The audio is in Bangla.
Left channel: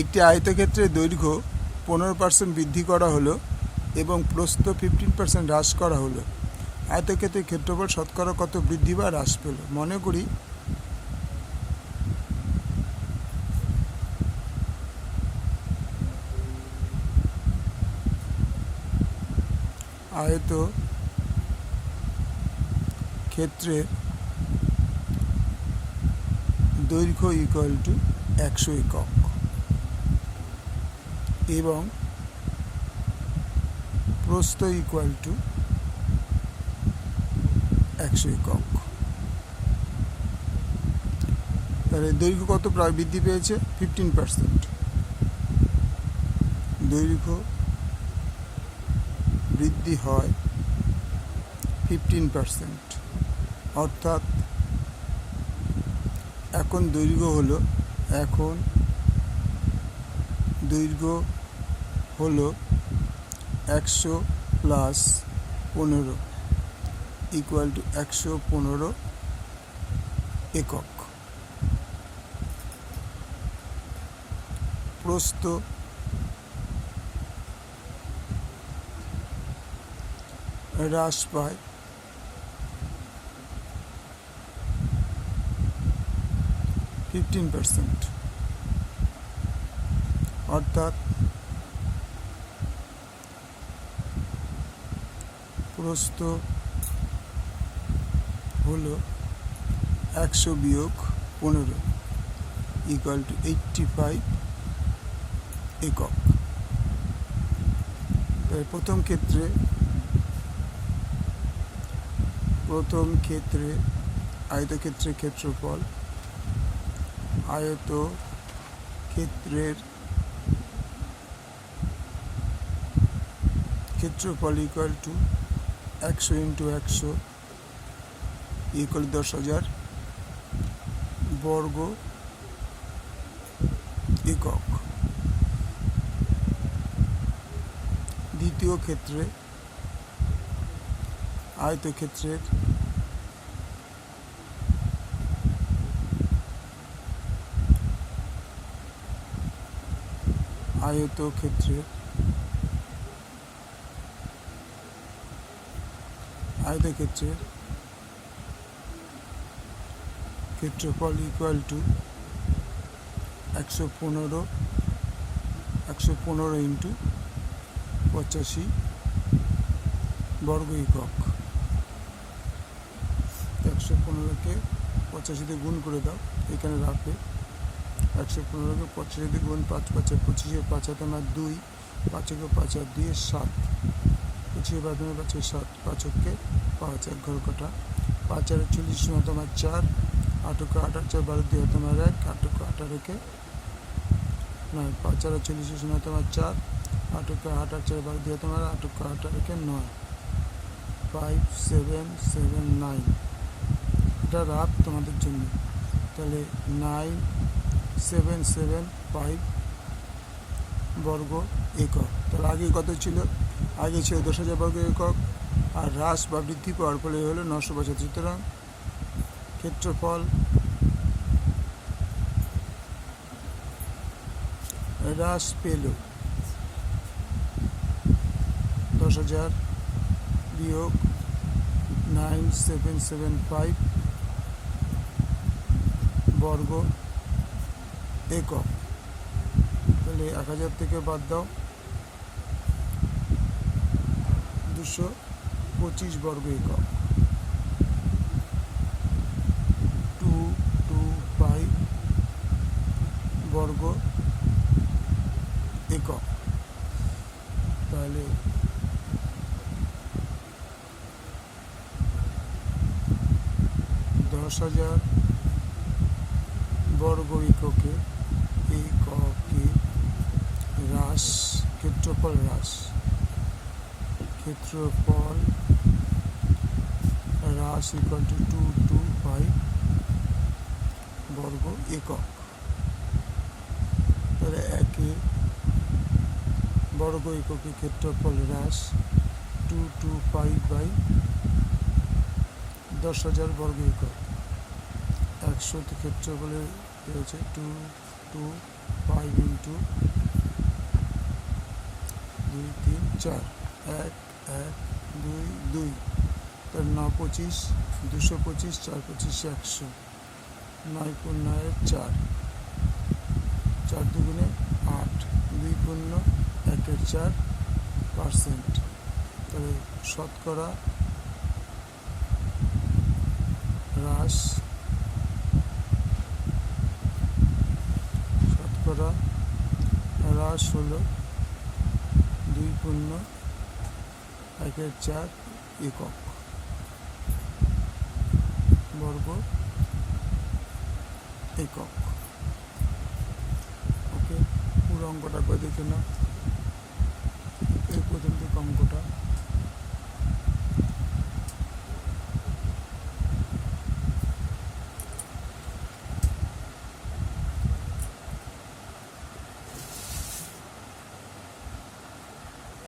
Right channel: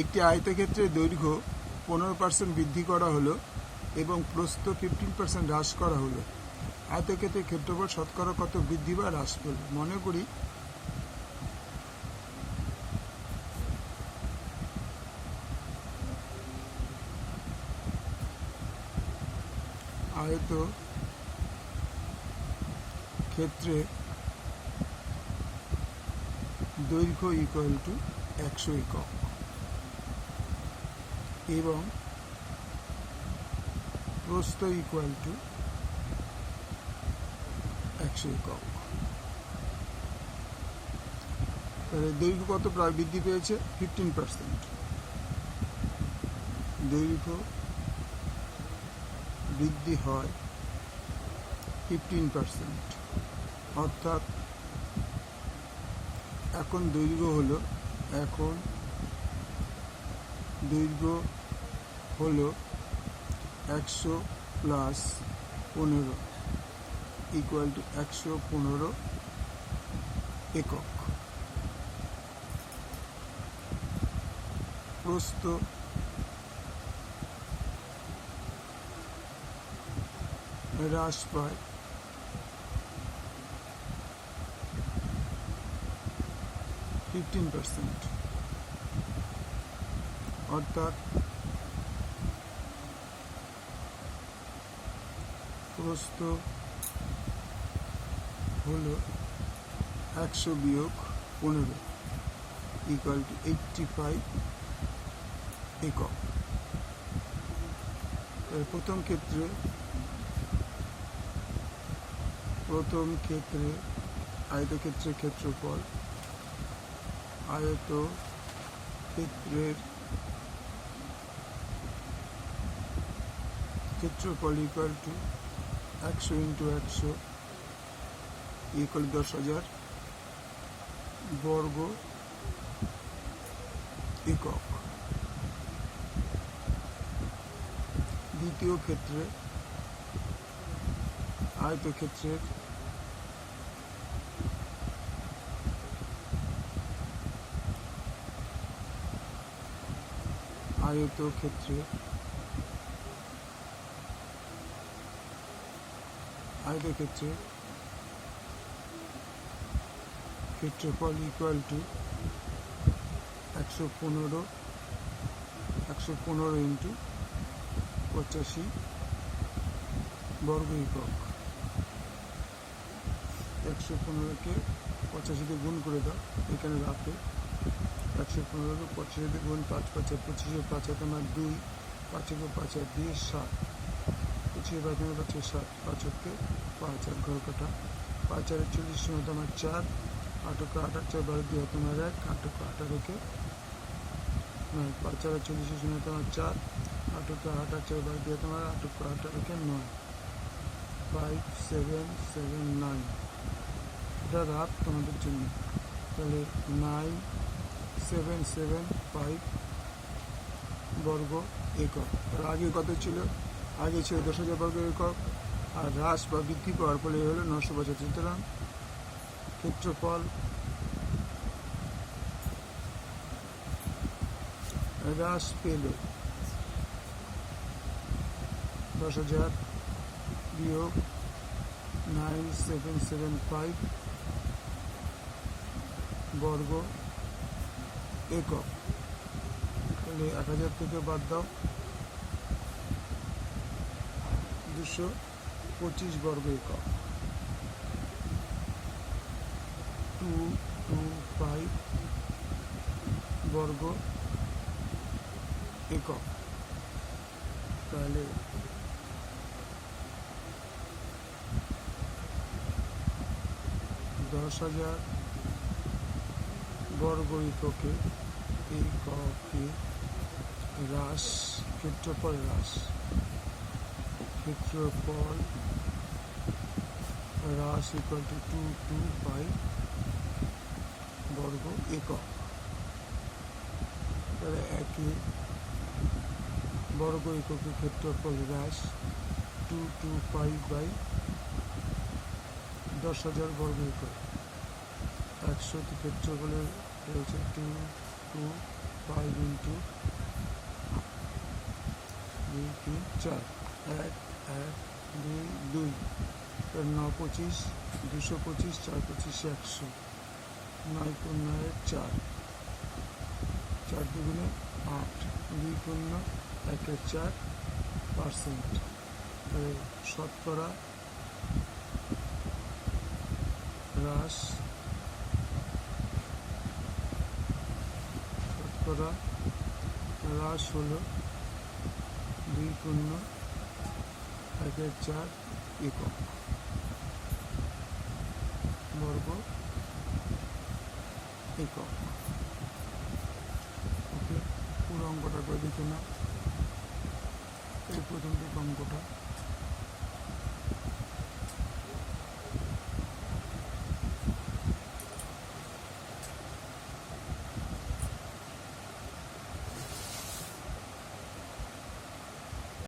একটি আয়তক্ষেত্রের দৈর্ঘ্য 15% বৃদ্ধি করা হলো এবং প্রস্থ 15% হ্রাস করা হলো। আয়তক্ষেত্রের ক্ষেত্রফল শতকরা কত বৃদ্ধি বা হ্রাস পেল? মনে করি আয়তক্ষেত্রের দৈর্ঘ্য ইকুয়াল টু 100 একক এবং প্রস্থ ইকুয়াল টু 100 একক। তাহলে দৈর্ঘ্য কত প্রায় বৃদ্ধি পেয়েছে? 15%। দৈর্ঘ্য বৃদ্ধি হয় 15%, অর্থাৎ এখন দৈর্ঘ্য হলো 100 প্লাস 15 ইকুয়াল টু 115 একক। প্রস্থ হ্রাস পায় 15%, অর্থাৎ প্রস্থ হলো 100 বিয়োগ 15 ইকুয়াল টু 85 একক। প্রথম ক্ষেত্রে আয়তক্ষেত্রের ক্ষেত্রফল ইকুয়াল টু 100 ইন্টু 100 ইকুয়াল 10,000 বর্গ একক। দ্বিতীয় ক্ষেত্রে আয়তক্ষেত্রের ক্ষেত্রফল ইকুয়াল টু 115 ইন্টু 85 বর্গ একক। 115কে 85 দিয়ে গুণ করে দাও, এখানে রাখবে। 115কে 85 দিয়ে গুণ 5 5 25, 5 হাতে আমার 2, 5 5 আর 2 7, 25 5 7, 5 কে 5 আর ঘর কাটা, 5 আর 40 সময় তোমার 4, 8 কে 8 আর 4 12 দিয়ে তোমার 1, 8 কে 18কে 9, 5 আর 40 সময় তোমার 4, 8 কে 8 আর 4 12 দিয়ে তোমার 8 কে 18কে 9, 5 7 7 9। এটা রাত তোমাদের জন্য। তাহলে 9 7 7 5 বর্গ একক। তাহলে আগে কত ছিল? আগে ছিল 10,000 বর্গ একক, আর হ্রাস বা বৃদ্ধি পাওয়ার ফলে হলো 975। সুতরাং ক্ষেত্রফল হ্রাস পেল 10,000 বিয়োগ 9775 বর্গ একক। তাহলে 1000 থেকে বাদ দাও, 225 বর্গ একক। 225 বর্গ একক। তাহলে 10,000 বর্গ এককে হ্রাস, ক্ষেত্রফল হ্রাস ইকুয়াল টু 225 বর্গ একক। তাহলে একই বর্গ এককে ক্ষেত্রফল হ্রাস 225 বাই 10,000 বর্গ একক। 100 ক্ষেত্রফলের রয়েছে 225 ইন্টু 4 1 1 2 2 তার 9 25 225 4 25 100 9 15 4 4 দুগুণে 8 2 15 1 4%। তাহলে শতকরা হ্রাস হলো 2.1/4 একক বর্গ একক। ওকে, পুরো অঙ্কটা দেখে না।